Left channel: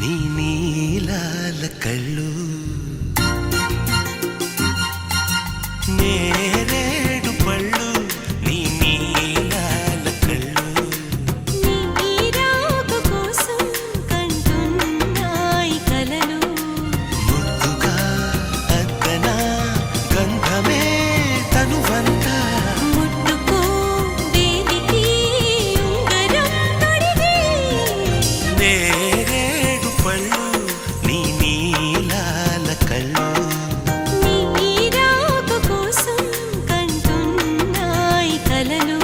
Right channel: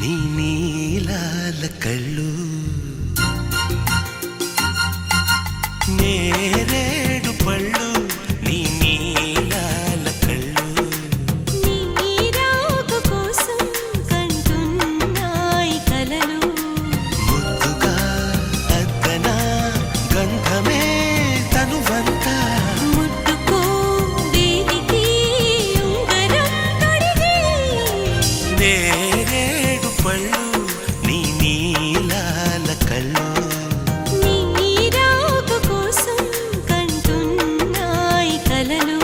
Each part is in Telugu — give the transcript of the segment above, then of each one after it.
నీ నీలాల కళ్ళు నేరేడు పళ్ళు నీ నీలాల కళ్ళు నీ రాక కోసం కంటున్నాయి కలలు ముద్దుగా అద్దనా గంధమే తనువంతా ముట్టుకో వేలికి ఉంగరం తొడిగి నేరేడు పళ్ళు నీ నీలాల కళ్ళు నీ రాక కోసం కంటున్నాయి కలలు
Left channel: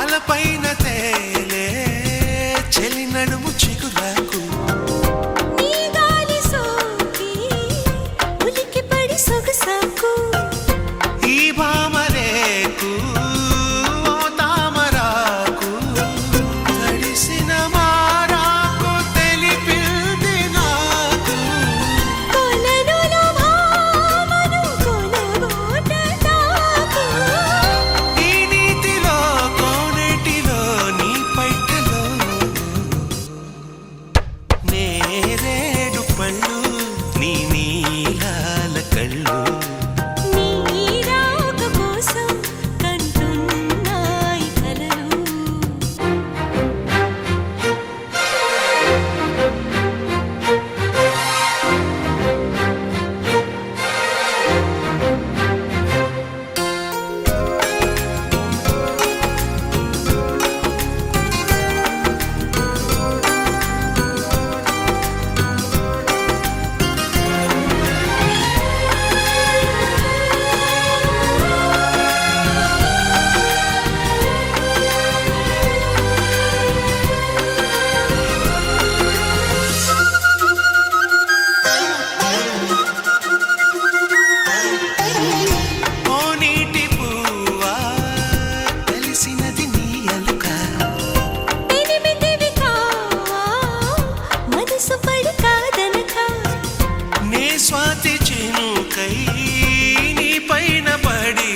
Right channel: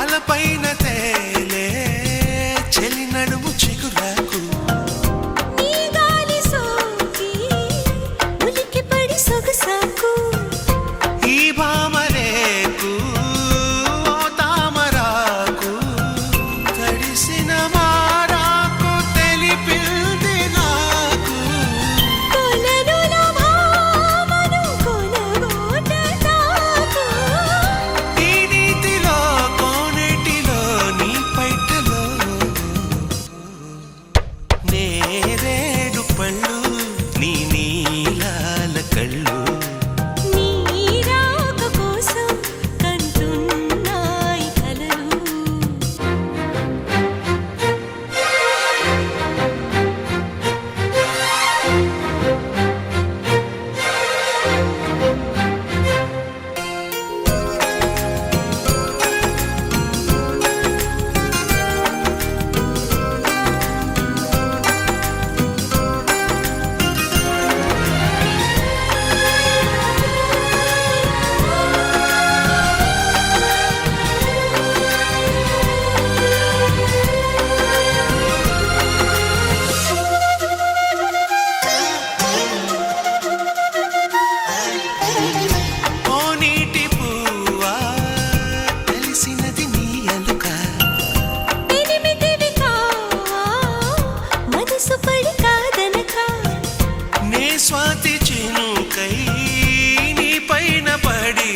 అలపైన తేలే చెలి నడుము చిగురాకు నీ గాలి సోకి ఉలికి పడి సొగసాకు ఈ భామరేకు ఓ తామరాకు తడిసిన మారాకు తెలిపింది నాకు కొలనులో భామను కొనగోట తాకు ఈ నీతిలో కోనేటిలో నీ పైటలో నేరేడు పళ్ళు నీ నీలాల కళ్ళు నీ రాక కోసం కంటున్నాయి కలలు ఓ నీటి పువ్వా తెలిసినది నీ అలుక పెనిమిటివి కావా మనసు పడి కాదనక నే స్వాతి చినుకై నీ పైన పడి